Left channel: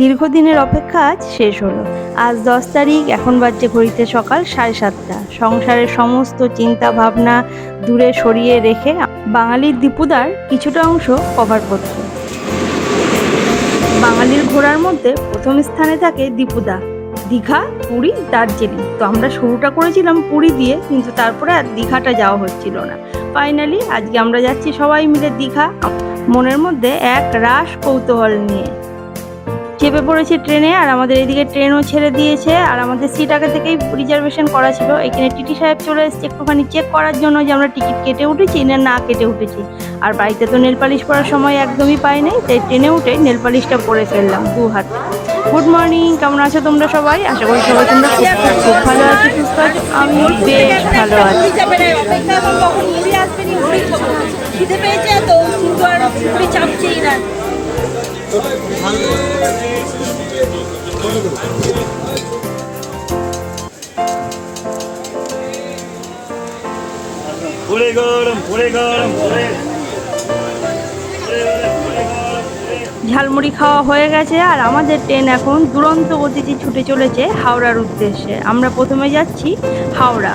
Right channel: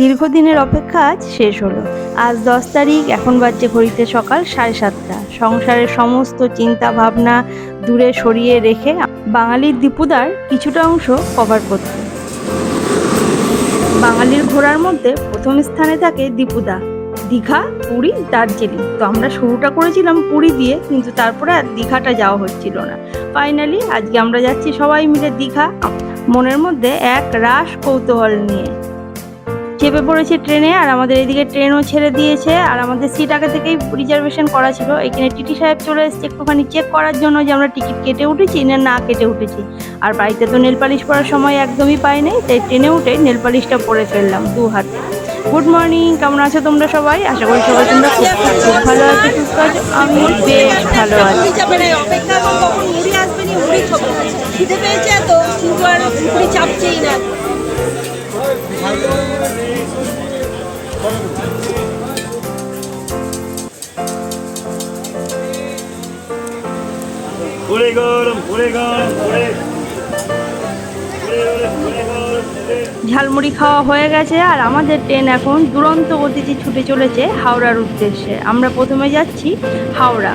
দীর্ঘদিনের অপেক্ষা আজ শেষ হলো। আজ দশ তারিখ, এখন বাজছে ঘড়িতে সকাল সাড়ে সাতটা। সংসারের সমস্ত চিন্তা ভাবনা দূরে সরিয়ে রেখে বাঙালির দীপুদার কিছুটা অংশ কভার করতে বাঙালির ঘোরার মধ্যে প্রথম স্থানে থাকে দীপুদা। দীঘা, পুরী, দার্জিলিং। তো আমরা শুরুটা করেছিলাম পুরী দিয়ে, কিন্তু তারপরে আর দীঘাটা যাওয়া হচ্ছিল না। ফাইনালি আজকে আমরা যাচ্ছি সবাই মিলে দীঘা। মনের মধ্যে এক রাস কৌতূহল নিয়ে। চেপে পড়েছি ট্রেনে, আর আমাদের এদিকে ট্রেনও ছেড়ে দিয়েছে, আর আমাদের সিট আগে থেকেই রিজার্ভেশন করা ছিল। এখানে টিটি সাহেব চলে এসেছে একটুখানি চেক করার জন্য যে আমরা টিকিট কেটে উঠেছি না না কেটে উঠেছি। আর বাড়িতে তো নেল পালিশ সময় একদমই পাই নাই, তাই ট্রেনে উঠে নেল পালিশটা পরে ফেললাম দু হাতে। গুড মর্নিং কেমন আছো তোমরা সবাই? আশা করি সবাই তোমরা খুব খুব খুব ভালো আছো, সুস্থ আছো। আমি বেশ ভালো আছি। খিদে পেয়েছে কিন্তু আর চাপছেই না। গরম গরম ঝালমুড়ি খাওয়া হয়ে গেছে আর আমাদের ট্রেন এখন দুরন্ত গতিতে ছুটে চলেছে হাওড়ার উদ্দেশ্যে। আমরা প্রথমে যাচ্ছি হাওড়া।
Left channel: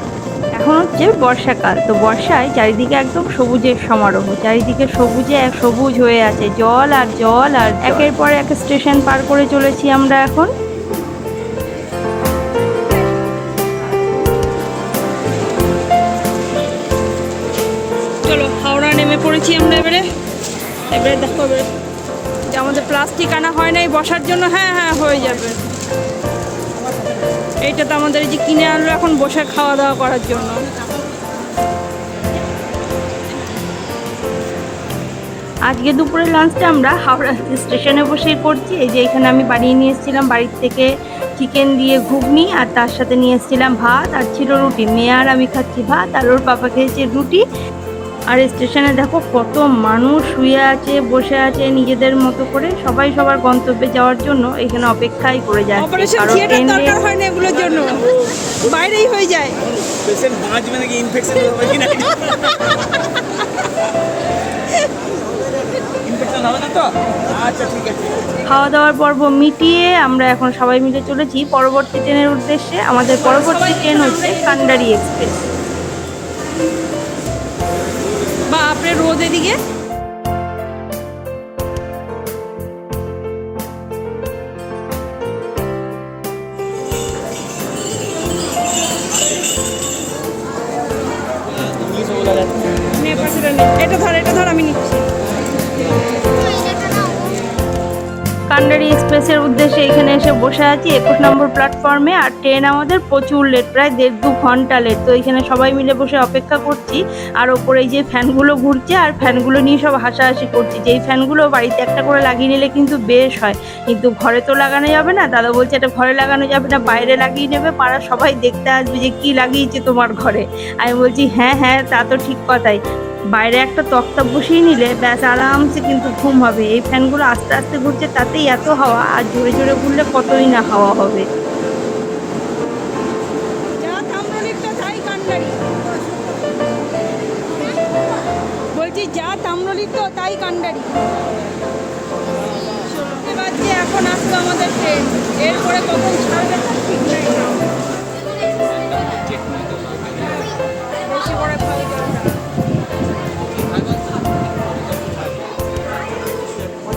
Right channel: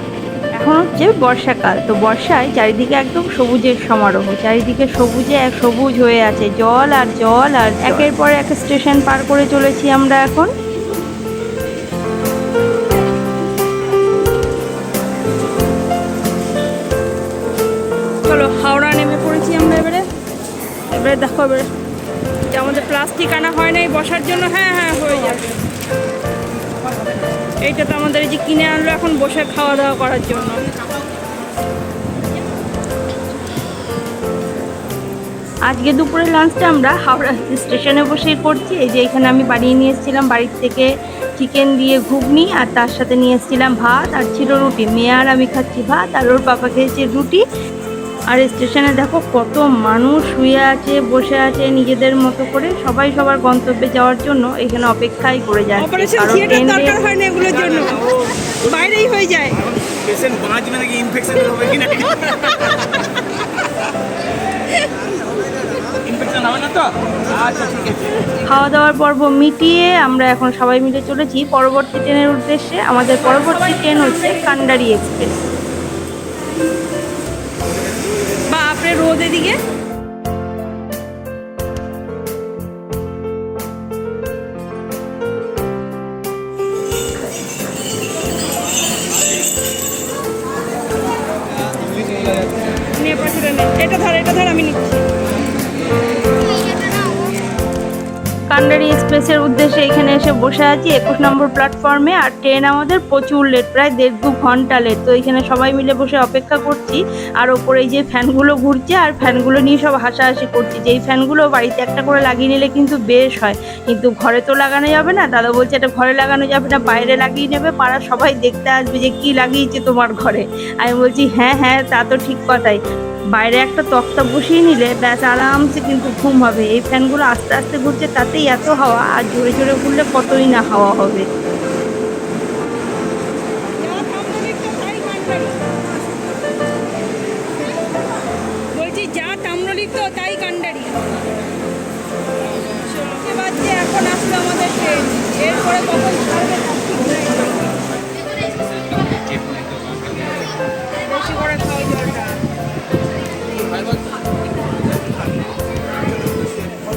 এখন হচ্ছে বর্ষাকাল, তো বর্ষায় চারিদিকে একদম সবুজের সমারোহ, চারিদিকে সবুজে এক সবুজ হয়ে আছে, জল আর জল আর একের পর এক স্টেশন পার করে চলেছি আমরা এখন। চলো, হাওড়া নেমে পড়েছি আমরা এবারে। এবারে দেখো এবারে, যে আমাদের প্লাস্টিক আনা হয় নাই বসার জন্য হ্যাঁ হ্যাঁ হয়ে যাবে। এইটা তো আমাদের এই যে কিনে আনলো এখন বসে খাওয়া দাওয়া করার জন্য। আজকে দুপুরে লাঞ্চটা আমরা হাওড়া স্টেশনে বসেই করছি। এই যে এখানে আমি বানিয়ে নিয়ে এসেছিলাম বাড়ির থেকে চিকেন দিয়ে ঘুগনি আর তার সাথে নিয়ে এসেছিলাম ভাত। আর ছিল রুটি। মেয়ে আর আমি খাচ্ছি ভাত। আর ওর পাপা খেয়েছে রুটি। আর স্টেশনে দেখো কত মানুষ শুয়ে আছে বসে আছে নিজেদের মতো করে। সবাই সবার গন্তব্যে যাওয়ার জন্য এখানে অপেক্ষাই করে যাচ্ছে। অপারেশন কারণ ট্রেন হয় না এগুলোর জন্য। বাইরেই হয়ে যায়। পেশেন্ট বাঁচবে নাকি ইনফেকশন হবে কি না আচ্ছা খাওয়া দাওয়ার পর্ব মিটিয়ে আমরা এখন সবাই মিলে চলেছি পরবর্তী ট্রেনের উদ্দেশ্যে। আমাদের পরবর্তী ট্রেন হচ্ছে কান্ডারি এক্সপ্রেস। আপনি রোদ এদিকে। এটা ধর এটা ধর আমি নিচ্ছি কান্ডারি এক্সপ্রেসের উদ্দেশ্যে এখানে এসে বসে আছি। একুশ নম্বর প্ল্যাটফর্মে আর ট্রেন আমাদের প্রচুর লেট প্রায় দেড় দু ঘণ্টা লেট তো এখানে সবাই মিলে বসে অপেক্ষা করছি। আর ওপরে যে ফ্যানগুলো ঘুরছে আর ফ্যানগুলো নিয়ে সব হাসাহাসি করছি। যেই ফ্যানগুলো বাড়িতে একটা করে লাগিয়ে নিলে কিন্তু বেশ হয়। কিন্তু ঘরে তো লাগানো যাবে না। দাদা বলছে এটা ঘরে লাগানো যাবে না, বাইরে লাগিয়ে নেবে। পাড়া সবাই দেখতে আসবে যে কি লাগিয়েছে তোমার ঘরে। আমি বলছি হ্যাঁ হ্যাঁ তা তো ঠিক কথাই। বাইরে একটা তক্তা বসিয়ে নিলে ব্যাস আরামসে কিন্তু ঘুম হবে। এই ফ্যানগুলো আস্তে আস্তে ঘুরছে, তাতেই এত হাওয়া আর জোরে জোরে ঘুরলে কতই না হাওয়া হবে। বলছি, যা তাম্রলিক তাই কান্ডারি যে বাজছে, এখন আসলো আমাদের ট্রেন এরপরে কখন ছাড়বে তার ঠিক নাই বেশি করে খাওয়া জলটা।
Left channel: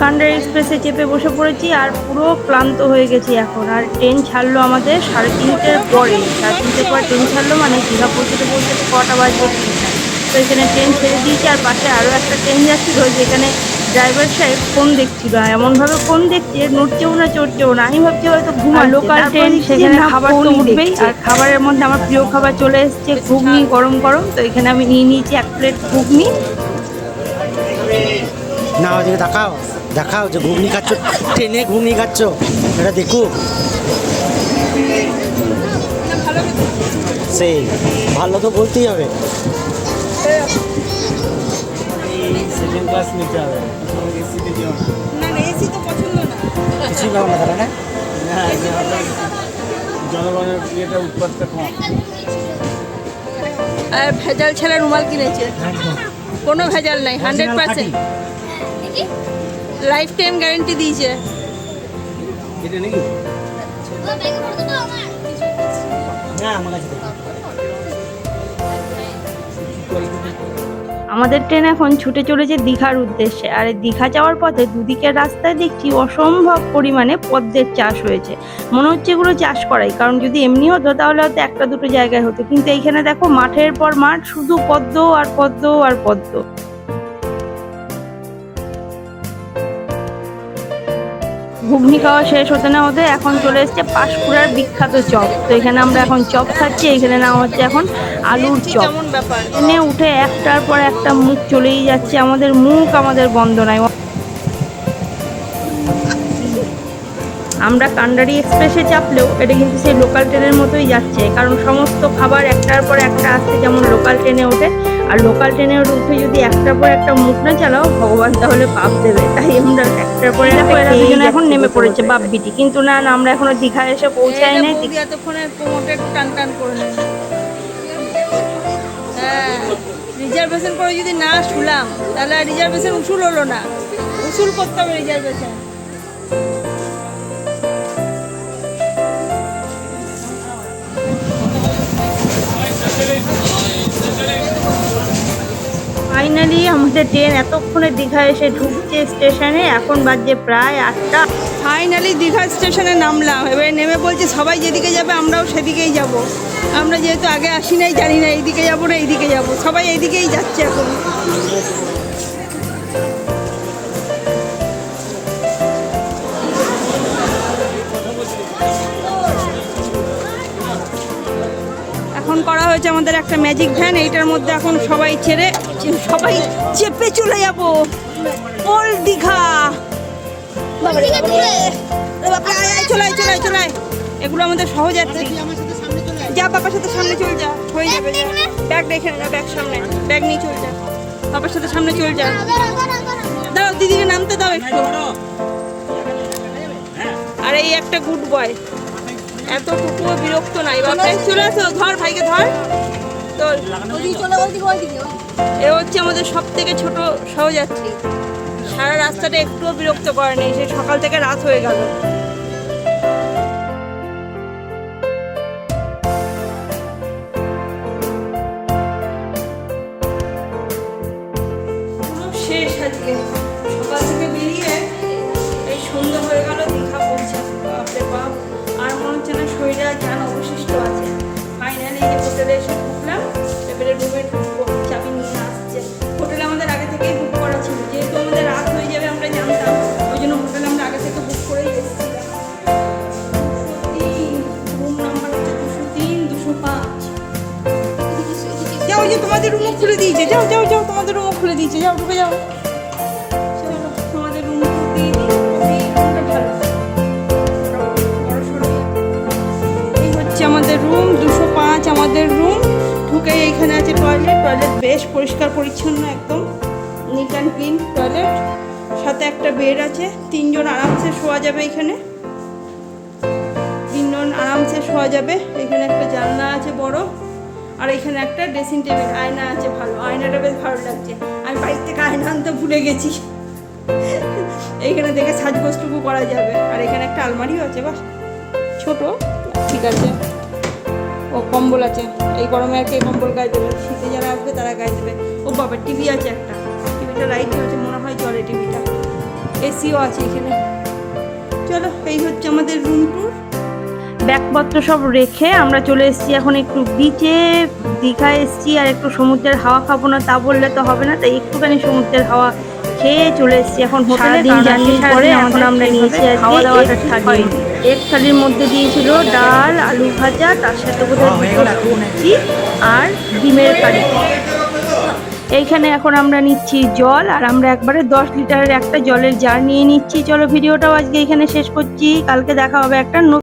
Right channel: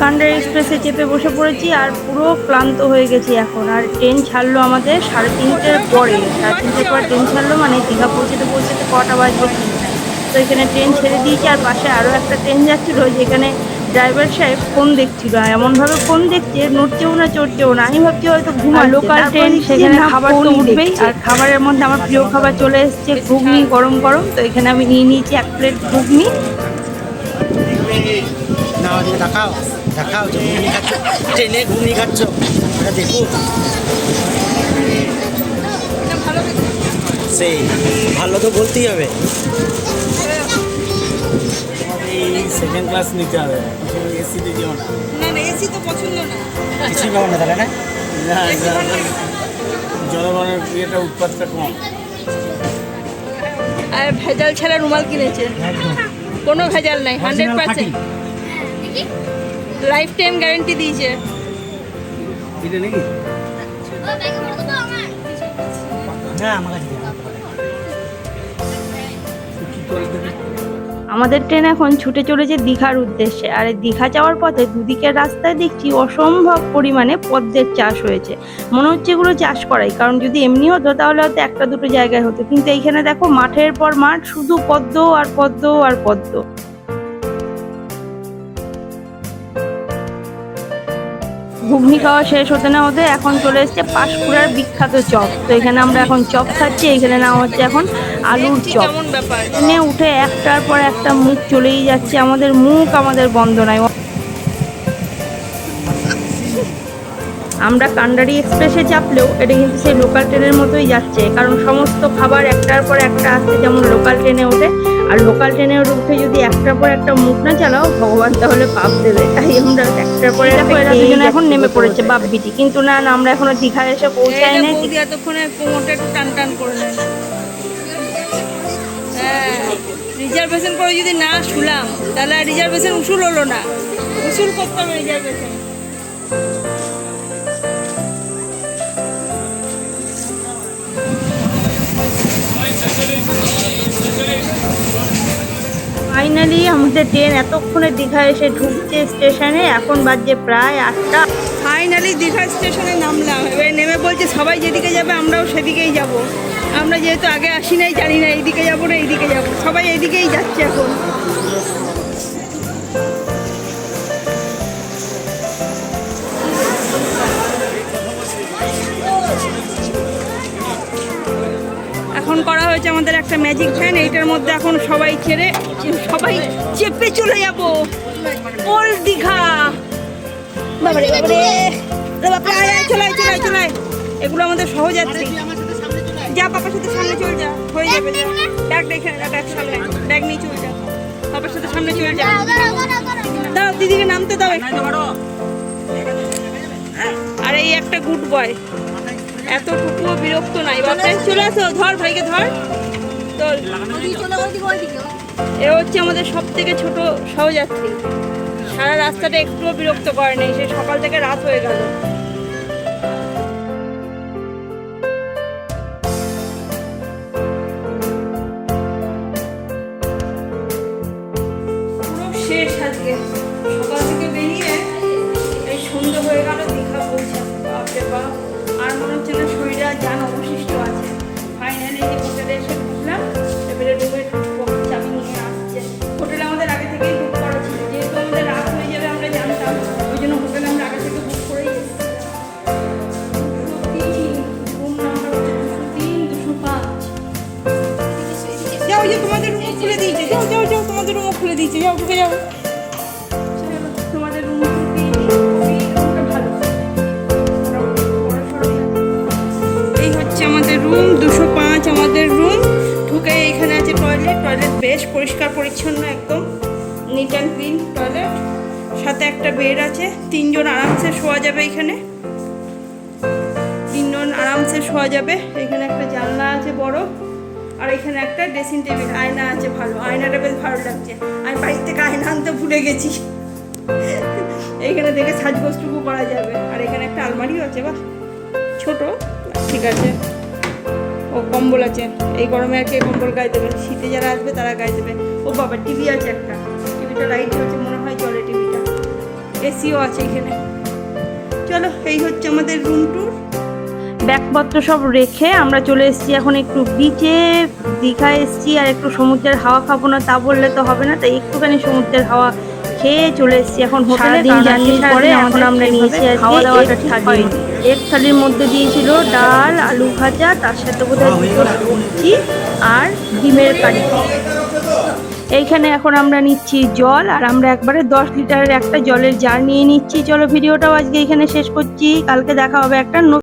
কান্ডার এক্সপ্রেসে চেপে বসে পড়েছি আর পুরো ক্লান্ত হয়ে গেছি এখন। আর ট্রেন ছাড়লো আমাদের সাড়ে তিনটের পরে। সাড়ে তিনটের পর ট্রেন ছাড়লো মানে দীঘা পৌঁছতে পৌঁছতে কটা বাজবে তো এখানে ট্রেন ছেড়ে দিয়েছি আর পাশে আরও একটা ট্রেন যাচ্ছিল যেখানে ড্রাইভার সাহেব ফোন দেখছিল। এমনভাবে ফোন দেখছে নড়ছেও না চড়ছেও না। আমি ভাবছি হয়তো ঘুমা লোকাল ট্রেন সেখানে খাবার তো উঠবেই। আর খাবারের মধ্যে আমার প্রিয় খাবার চলে এসেছে ঘুগনি গরম গরম। তো এখানে আমি নিয়ে নিয়েছি এক প্লেট ঘুগনি। না দেখাও যে ঘুগনি খাচ্ছ ট্রেনে ঘুগনি খাচ্ছ। এটা দেখুক সেই ভালো তো বলতেই হবে। সেকেন্ড ক্লাস নিতে হবে। এসিতে যেও না। না না এসি তো পছন্দ না। কিছুই পাবো না তাহলে না? জনগণের ইয়েটা উৎপাদটা কম। আর ভেজাল ছাড়া রুমাল কিনেছে। কোনো ভেজাল নাই hundred percent life time guarantee দিয়েছে। এটা নাকি? না আমার কাছে দেখ। কি কোয়ালিটি আমাদের ট্রেন এখন ছুটে চলেছে দীঘার উদ্দেশ্যে। আর এই দীঘা যাওয়ার পথে দুদিকের রাস্তায় দেখছি অসম্ভব পরিমাণে পদ্মের চাষ হয়েছে। মনে হচ্ছে এগুলো চাষ করাই। কারণ যদি এমনি হতো তাহলে হয়তো একটা দুটো জায়গায় হতো। কিন্তু এইখানে দেখো মাঠের পর মাঠ শুধু পদ্ম আর পদ্ম আর পদ্ম। ঘুগনি খাওয়া শেষ হতে না হতে এখন চলে এসছে পাশপুরার বিখ্যাত চপ। তো এখানে আমরা এখন চপ খাচ্ছি এখানে নাম হচ্ছে এখন আলুর চপ। ট্রেনে উঠে একটার পর একটা মুখ চলেই যাচ্ছে আমাদের মুখ আমাদের বন্ধ নাই। আমরা কান্ডারি এক্সপ্রেসে চাপলেও এটা কিন্তু সেই লোকাল ট্রেনের মতোই যাচ্ছে। কারণ সমস্ত খাবার একটার পর একটা আসতে যেমন লোকাল ট্রেনে ওঠে আর লোকাল ট্রেনে উঠে যদি একটার পর একটা মুখ না চালাও ভগবান তাহলে পাপ দেবে। তাই আমরা একটার পর একটা এখন নেমে পড়েছে বাপ বিটি কিন্তু না না আমরা এখনও দীঘা এসে পৌঁছাই নাই। এতক্ষণে কোমরটা একটু টান টান করে নেন হ্যাঁ রিজার্ভেশন করে যদি না শুলাম তাহলে রিজার্ভেশন উসুল হলো না। উসুল করতে হবে রিজার্ভেশন ফাইনালি আমাদের ট্রেন এতক্ষণে দীঘা এসে ঢুকছে স্টেশনে এখন বাজে প্রায় আটটা। ফাইনালি দীঘা স্টেশনে নামলাম। এবার নেমে বলছে, সবাই যেদিকে যাবে, আমরাও সেদিকেই যাব। আমরা যেহেতু আগে আসি নাই, জানি না, এইদিকে যাব না, এইদিকে যাব। সবাই এইদিকেই যাচ্ছে এখন। এখন করা হয়েছে আমাদের একটা ম্যাজিক ভ্যান এইটার মধ্যে এখন সবাই ছেড়ে, সবাই চেপে চলে যাব। ওল্ড দীঘা। বাবারে বাবারে। আয় আয়, চলে আয় চলে আয় এগুলো আমাদের সহযাত্রী। যা, পাপার সাথে সামনে চল যা। হয়ে যাবে, যা। ব্যাগ দেখে ব্যাগ সামনে। ব্যাগ নিয়ে চল যা। পাপার সাথে সামনে চল যা। দাঁড়াও দিদিকে নামতে দাও একটু। আর, এই একটা গুড বয় এতটুকুও বিরক্ত নাই বাপরে চলে আসো, ধর ভাইকে ধর। এ হচ্ছে আমাদের সব থেকে ছোট সহযাত্রী। সারা রাস্তাটা একটুও বিরক্ত করে নেই সেই সকাল থেকে রাত হয়ে গেল। শেষ আজকে। সকাল থেকে বেরিয়ে এই সন্ধ্যে হয়ে গেল, দীঘা পৌঁছাতে বাপরে বাপ। আর মনে হচ্ছে না শরীরে যান অবশিষ্ট আছে। ফাইনালি যে হোটেলে এসে ঢুকলাম, এবারে রুমের চাবি নিয়ে আসছে। হোটেল আমাদের আগে থেকেই বুক করা ছিল, যেহেতু আমাদের রাত হয়ে যাবে, আমরা জানতাম। ওই জন্য হোটেল আমরা আগে থেকে বুক করেই এসেছিলাম রুম নাম্বার হচ্ছে দুশো তিন, দুশো পাঁচ। যাও যে তোমাদের রুমও খুলে দিয়েছে। যাও যাও যাও, তোমাদের রুমও খুলে দিয়েছে। যাও, ঢুকে যাও। হচ্ছে আমাদের রুম, দুশো পাঁচ আমাদের রুম। ঢুকে এইখানে আছে টয়লেট টয়লেট বেশ পরিষ্কার পরিচ্ছন্ন একদম। নিট অ্যান্ড ক্লিন টয়লেট সাথে একটা বেড আছে। তিনজন আরামসে শোয়া যাবে এখানে। তিনজন আরামসে শোয়া যাবে। এখানে একটা জানলা আছে বড়। আর এখানে একটা ড্রেসিং টেবিল আয়না আছে ভালো। আয়নাটা বেশ ভালো লাগছে। আমি বাড়ির থেকে আয়না আনতে ভুলে গেছি। এইখানে দেখে সাজগোজটুকু করা যাবে। আর এখানে একটা আলমারিও আছে, বাহ। ছোট, ঠিক আছে। ও কম্বল আছে। এই গরমে আর কে কম্বল গায়ে দেবে? শীতে যারা আসবে তারা গায়ে দেবে। ও বাবা টিভি আছে একটা। টিভিটা লাইট চলছে মনে হয় চলে টিভিটা। এসিও আছে এখানে। চলো এই হচ্ছে আমাদের রুম ট্যুর ব্যাগপত্র সব রেখে আমরা চলে এসেছি এখন একটু বিচে দীঘা এসেছি আর একটু সমুদ্রের হাওয়া খাব না তা বললে তো হবে না। তাই একটুখানি সমুদ্রের হাওয়া খেয়ে চলে এসেছি। এখন হোটেলে কারণ জার্নির পরে এখন আমরা নিয়েছি আজকে খাওয়া দাওয়াটা। হয়নি এক থালির মধ্যে দিয়েছিল ডাল, আলু ভাজা, তার সাথে বোধহয় দুটো সবজি আর ডিমের কারি। এইখানে এখন আমরা নিচ্ছি জল আর আমরা একবারে দশ লিটারের একটা জলের জার নিয়ে নিচ্ছি। চলো ভিডিওটাও আজকে এখানে শেষ করছি। কালকে দেখা হবে একটা